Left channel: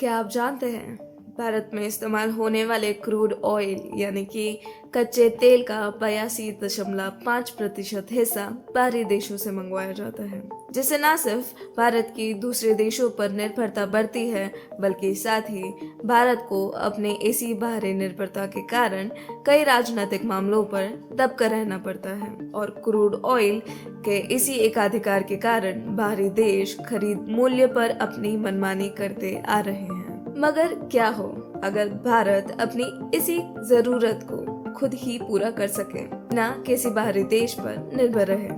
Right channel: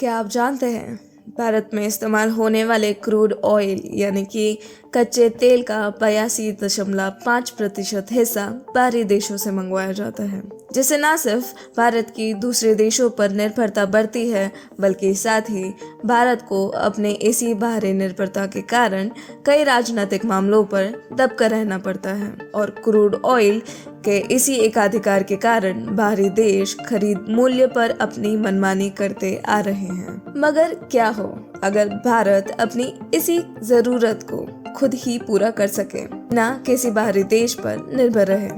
क्या आप जानते हैं भारत में इस्तेमाल होने वाले क्रूड ऑयल यानी कि कच्चे तेल का 82.5% हिस्सा बाहरी देशों से मंगवाया जाता है, जिससे न सिर्फ भारत की दूसरे देशों पर निर्भरता बढ़ती है बल्कि साथ ही भारत को अपने इसी बाहरी निर्भरता के कारण कई राजनीतिक मामलों पर दबकर रहना पड़ता है और क्रूड ऑयल के इसी एकाधिकार के कारण बाहरी देश खरीद मूल्य पर अपनी मनमानी करते आ रहे हैं। मगर क्या हो अगर भारत अपनी इसी जरूरत को खुद ही पूरा कर सके, ना किसी बाहरी देश पर निर्भर रहे।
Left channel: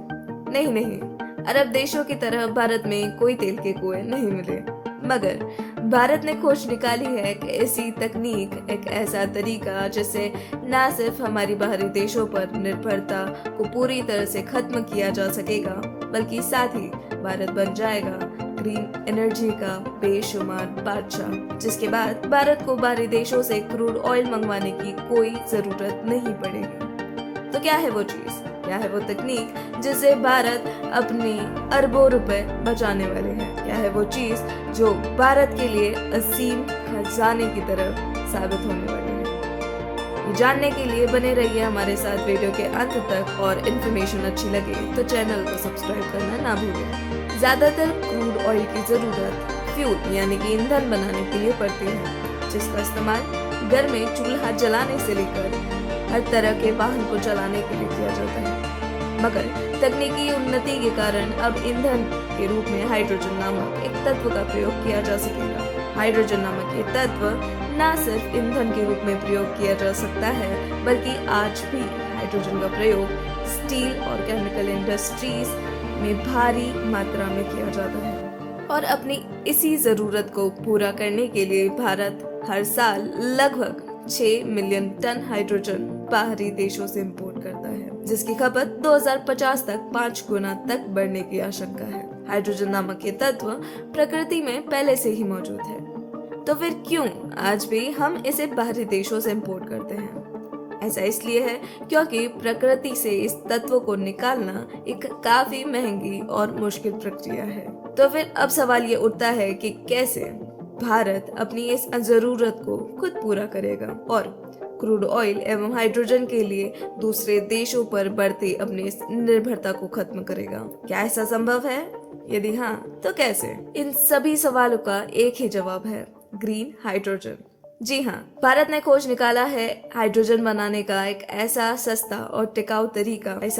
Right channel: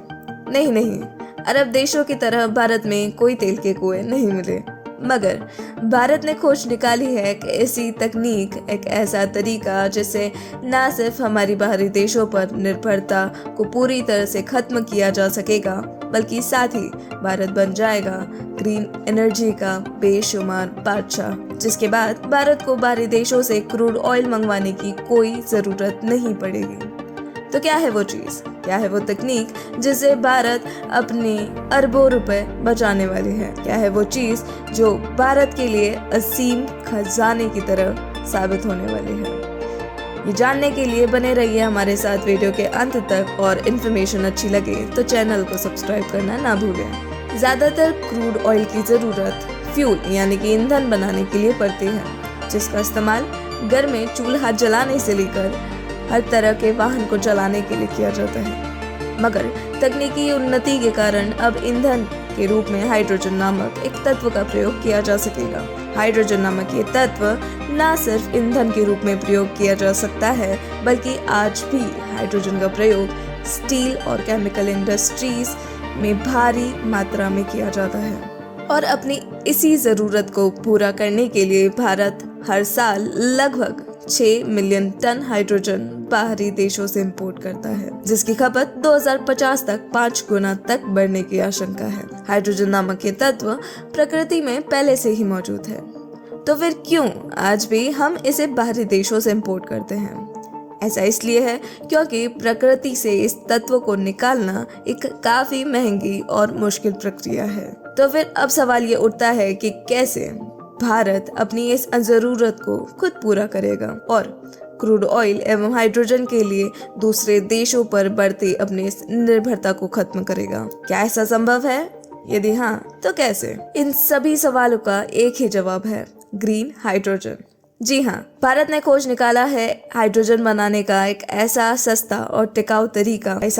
नहीं, अरब देशों की तरह भारत में कोई तेल के कुएं नहीं मिले, मगर भारत ने खोज निकाली है कि ऐसी तकनीक, एक ऐसा तरीका जिससे न सिर्फ हमारी बाहरी देशों पर निर्भरता को पूरी तरह से खत्म किया जा सकेगा, बल्कि साथ ही भारत बन जाएगा ग्रीन एनर्जी का बेशुमार बादशाह, जिसके बाद भारत को बाहरी देशों से क्रूड ऑयल मंगवाने की कोई जरूरत नहीं पड़ेगी। तो क्या है वो चीज, क्या है वो तकनीक जिससे भारत अपने अरबों रुपए बचाने वाले हैं? क्या है वो चीज जो भारत के लिए असीम खजाने की तरह साबित होने वाली है? ये जानने के लिए बने रहिए हमारे साथ वीडियो के अंत तक, और इन्फॉर्मेशन अच्छी लगे तो चैनल को सब्सक्राइब करना ना भूलें। ज्यादातर क्रूड ऑयल की जरूरत फ्यूल यानी कि ईंधन बनाने के लिए पड़ती है, जिसका इस्तेमाल घर में चूल्हा जलाने से लेकर हर तरह के वाहन को चलाने के लिए किया जाता है। मगर तकनीकी उन्नति के कारण अब ईंधन के रूप में हाइड्रोजन नामक एक तत्व का प्रयोग किया जा सकेगा। हाइड्रोजन नामक ये तत्व न सिर्फ ईंधन के रूप में प्रयोग किया जा सकता है, बल्कि आज भी हाइड्रोजन का प्रयोग स्टील और केमिकल इंडस्ट्रीज में भारी मात्रा में किया जाता है। और अपनी इसी जरूरत को पूरा करने के लिए भारत हर साल लगभग 6 मिलियन टन हाइड्रोजन बाहरी देशों से इंपोर्ट करता है, जिसकी खपत 2050 तक 5 गुना तक बढ़ने की आशंका है। हाइड्रोजन नामक ये तत्व प्रकृति में पहले से ही मौजूद है, तो फिर क्यों आज भी हम इसे बाहरी देशों से इंपोर्ट करते हैं? ऐसा इसलिए है क्योंकि प्रकृति से इस तत्व को निकालना एक काफी महंगी और मुश्किल प्रक्रिया है। तो फिर अब सवाल ये उठता है कि कैसे भारत अपनी इस जरूरत को खुद पूरा करेगा और क्रूड ऑयल एवं हाइड्रोजन के लिए दूसरे देशों पर बढ़ती अपनी इस निर्भरता को खत्म करेगा? क्या ऐसा संभव है? यदि हाँ, तो कैसे? इन सभी सवालों का एक ही जवाब है, ग्रीन हाइड्रोजन। जी हाँ, भारत ने खोज निकाला है हाइड्रोजन बनाने का एक ऐसा सस्ता और टिकाऊ तरीका। कई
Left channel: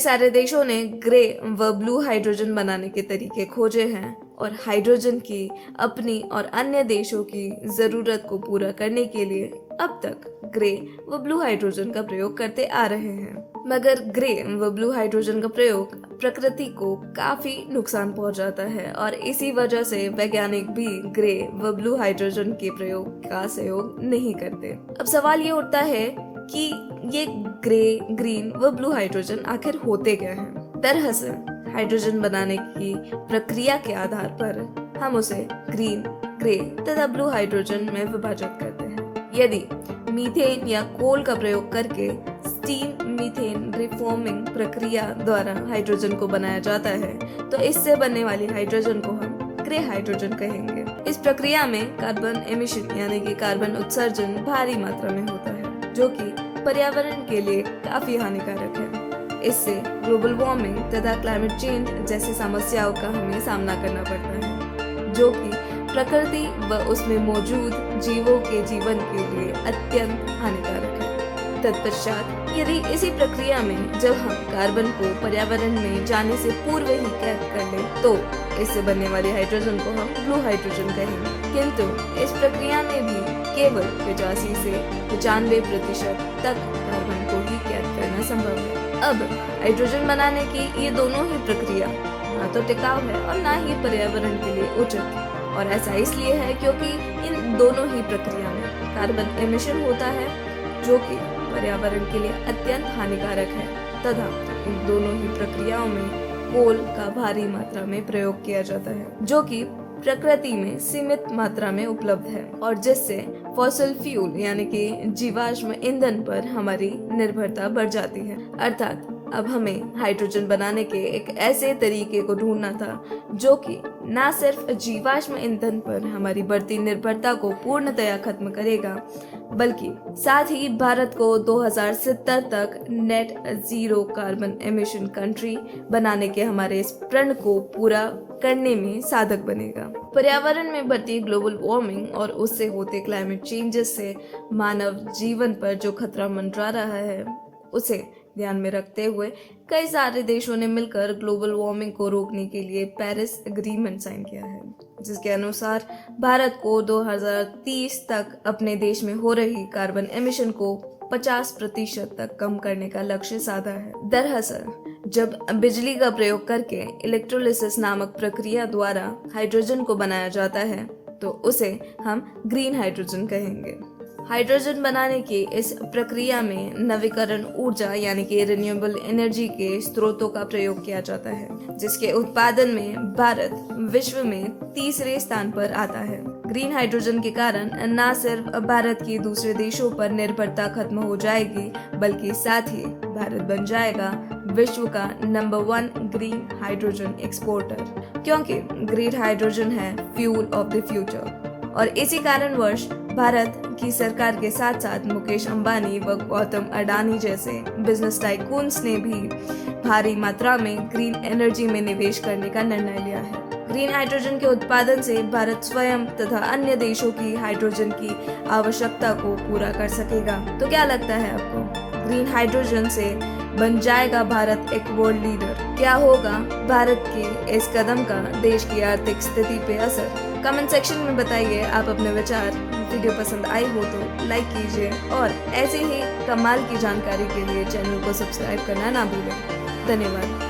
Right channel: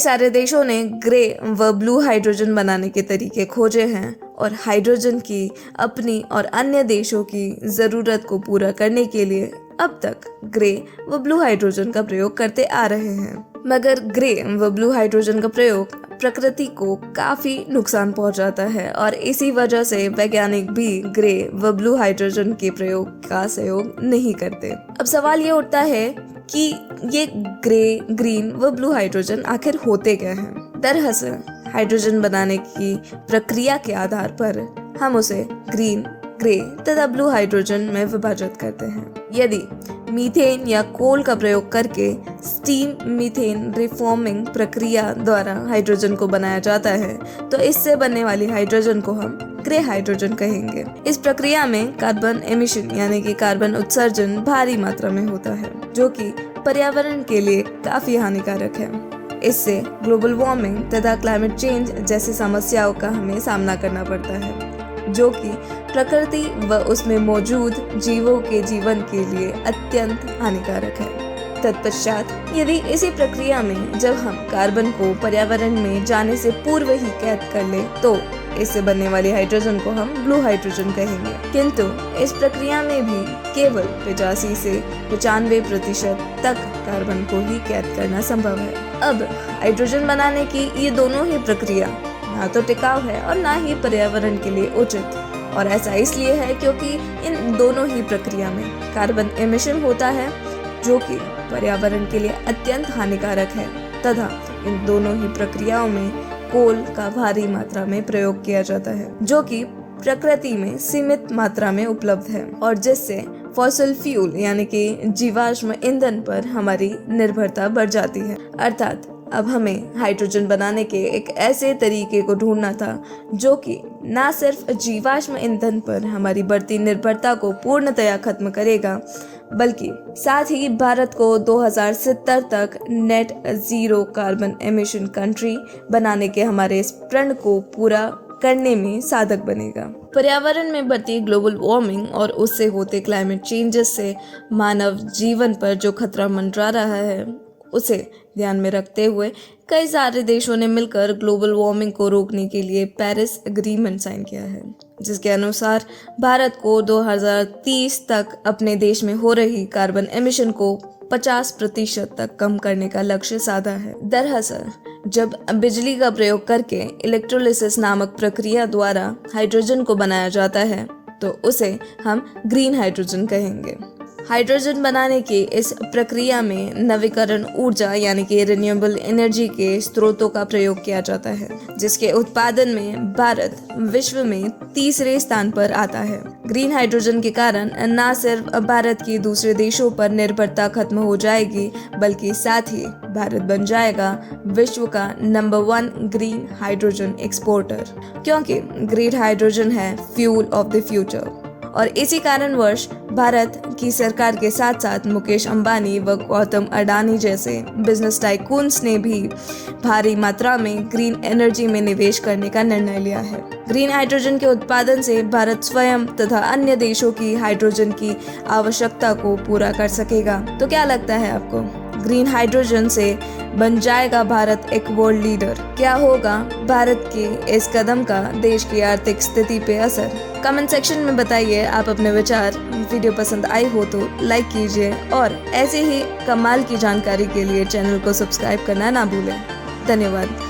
सारे देशों ने ग्रे व ब्लू हाइड्रोजन बनाने के तरीके खोजे हैं और हाइड्रोजन की अपनी और अन्य देशों की जरूरत को पूरा करने के लिए अब तक ग्रे व ब्लू हाइड्रोजन का प्रयोग करते आ रहे हैं। मगर ग्रे व ब्लू हाइड्रोजन का प्रयोग प्रकृति को काफी नुकसान पहुंचाता है और इसी वजह से वैज्ञानिक भी ग्रे व ब्लू हाइड्रोजन के प्रयोग का सहयोग नहीं करते। अब सवाल ये उठता है कि ये ग्रे, ग्रीन व ब्लू हाइड्रोजन आखिर होते क्या हैं? दरअसल हाइड्रोजन बनाने की प्रक्रिया के आधार पर हम उसे ग्रीन, ग्रे तथा ब्लू हाइड्रोजन में विभाजित करते हैं। यदि मीथेन या कोल का प्रयोग करके स्टीम मीथेन रिफॉर्मिंग प्रक्रिया द्वारा हाइड्रोजन को बनाया जाता है, तो इससे बनने वाली हाइड्रोजन को हम ग्रे हाइड्रोजन कहेंगे। इस प्रक्रिया में कार्बन एमिशन यानी कि कार्बन उत्सर्जन भारी मात्रा में होता है, जो कि पर्यावरण के लिए काफी हानिकारक है। इससे ग्लोबल वार्मिंग तथा क्लाइमेट चेंज जैसी समस्याओं का हमें सामना करना पड़ता है, जो कि प्रकृति व उसमें मौजूद जीवों के जीवन के लिए अत्यंत हानिकारक है। तत्पश्चात यदि इसी प्रक्रिया में जब हम कार्बन को पर्यावरण में जाने से पूर्व ही कैद कर ले, तो इससे बनने वाले हाइड्रोजन को हम ब्लू हाइड्रोजन कहेंगे। किंतु इस प्रक्रिया में भी केवल 85 से 95% तक कार्बन को ही कैद करना संभव है। अब हाइड्रोजन बनाने की ये दोनों ही प्रक्रिया ना तो टिकाऊ है और ना ही पर्यावरण के लिए उचित, और ऐसा इसलिए है क्योंकि इन दोनों ही प्रक्रिया में कार्बन एमिशन होता है, जो कि पर्यावरण के लिए अत्यंत हानिकारक है, तथा इन दोनों ही प्रक्रियाओं में कोल का भारी मात्रा में प्रयोग किया जाता है, जो कि प्रकृति में सीमित मात्रा में उपलब्ध है और जिससे फॉसिल फ्यूल यानी कि जीवाश्म ईंधन पर हमारी निर्भरता बढ़ जाती है। अर्थात अब हमें हाइड्रोजन बनाने के एक ऐसे तरीके को ढूंढना था जो कि न सिर्फ जीवाश्म ईंधन पर हमारी बढ़ती निर्भरता को पूर्णतया खत्म करेगा, बल्कि साथ ही भारत को 2070 तक net zero carbon emission country बनाने के हमारे इस प्रण को पूरा करने में साधक बनेगा। पर्यावरण में बढ़ती ग्लोबल वार्मिंग और उससे होते क्लाइमेट चेंजेस से मानव जीवन पर जो खतरा मंडरा रहा है, उसे ध्यान में रखते हुए कई सारे देशों ने मिलकर ग्लोबल वार्मिंग को रोकने के लिए पेरिस एग्रीमेंट साइन किया है, जिसके अनुसार भारत को 2030 तक अपने देश में हो रही कार्बन एमिशन को 50% तक कम करने का लक्ष्य साधा है। दरअसल जब बिजली का प्रयोग करके इलेक्ट्रोलिसिस नामक प्रक्रिया द्वारा हाइड्रोजन को बनाया जाता है तो उसे हम ग्रीन हाइड्रोजन कहेंगे। हाइड्रोजन बनाने की इस प्रक्रिया में नवीकरण ऊर्जा यानी कि रिन्यूएबल एनर्जी के स्रोतों का प्रयोग किया जाता है, जिसके उत्पादन में भारत विश्व में तीसरे स्थान पर आता है। ग्रीन हाइड्रोजन के कारण न सिर्फ भारत की दूसरे देशों पर निर्भरता खत्म हो जाएगी, बल्कि साथ ही भारत बन जाएगा विश्व का नंबर 1 ग्रीन हाइड्रोजन एक्सपोर्टर, क्योंकि ग्रीन हाइड्रोजन है फ्यूल ऑफ द फ्यूचर। और इसी कारणवश भारत की सरकार के साथ साथ मुकेश अंबानी व गौतम अडानी जैसे बिजनेस टाइकून्स ने भी भारी मात्रा में ग्रीन एनर्जी में निवेश करने का निर्णय लिया है। ग्रीन हाइड्रोजन के उत्पादन से भारत स्वयं तथा अन्य देशों की हाइड्रोजन की आवश्यकता को पूरा कर सकेगा। तो क्या लगता है आपको, ग्रीन हाइड्रोजन से बन जाएगा भारत एक वर्ल्ड लीडर? क्या होगा भारत के इस कदम का देश की आर्थिक स्थिति पे असर? कमेंट सेक्शन में बताइए आप अपने विचार। वीडियो पसंद आई हो तो लाइक कीजिए और ऐसे ही कमाल की जानकारी के लिए चैनल को सब्सक्राइब करना ना भूलें। धन्यवाद।